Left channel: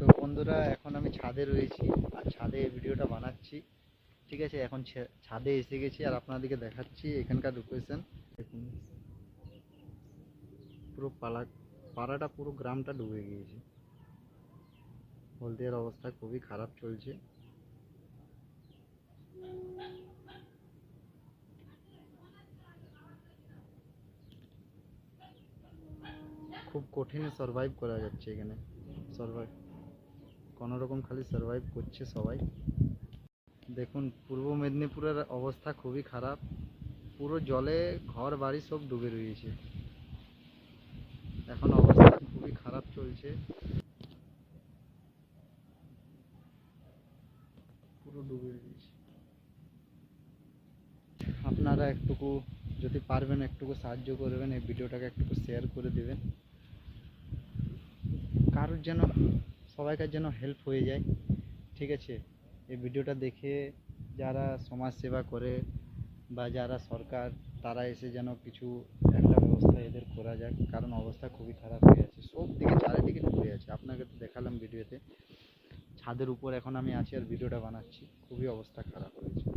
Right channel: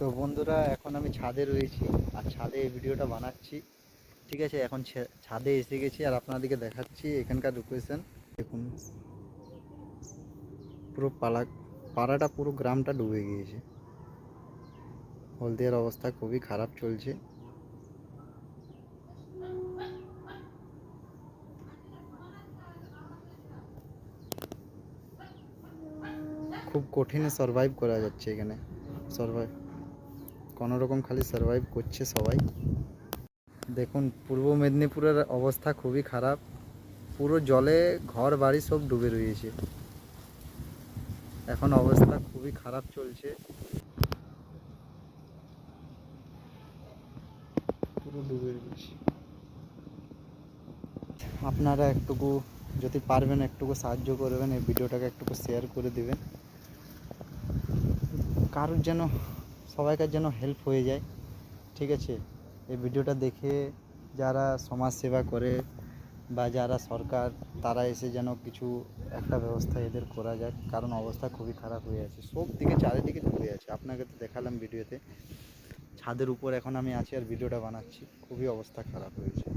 তো বন্ধুরা, এখন আমি ছাদে রয়েছি আর ছাদে এই ভিডিওটা বানাচ্ছি। ঠিক আছে, এখন ছাদে এসে গেছি আর আপনাদেরকে দেখাচ্ছি এখানকার লোকেশন। দেখুন, পুরো পাড়াটা, পুরো গ্রামটা ডুবে গিয়েছে। হলদিয়ার অবস্থা খুবই খারাপ চলছে। খুব কঠিনে সারভাইভ করা যাচ্ছে এখানে। সারভাইভ কোনো রকম খালি সারভাইভ করছে সবাই। দেখুন, পূর্ব মেদিনীপুরের অবস্থা খুবই খারাপ। পুরো জলে ঘর বাড়ি সব ডুবে রয়েছে। এখন অবস্থা খুবই খারাপ চলছে, পুরো ডুবে রয়েছে। আপনারা একটুকু যদি পারবেন একটুকু সাহায্য করবেন, এই ভিডিওটাকে একটুকু শেয়ার করে দেবেন, কারোর যেন, সবাইকার যেন হেল্প হয়ে যায়। ঠিক আছে, এই ভিডিওটা দেখে যারা সমাজ সেবা করে বা যারা সরকার, তারা এসে যেন কিছু একটা ব্যবস্থা এদের করা যায়, কারণ অবস্থা খুবই খারাপ হয়ে আছে। সব দিকে চারিদিকে ডুবে আছে। আপনাকে তো দেখালাম ভিডিওতে। ছাদের উপর এখন আমি আছি আর ভিডিওটা বানাচ্ছি। খুবই অবস্থা খারাপ হয়েছে।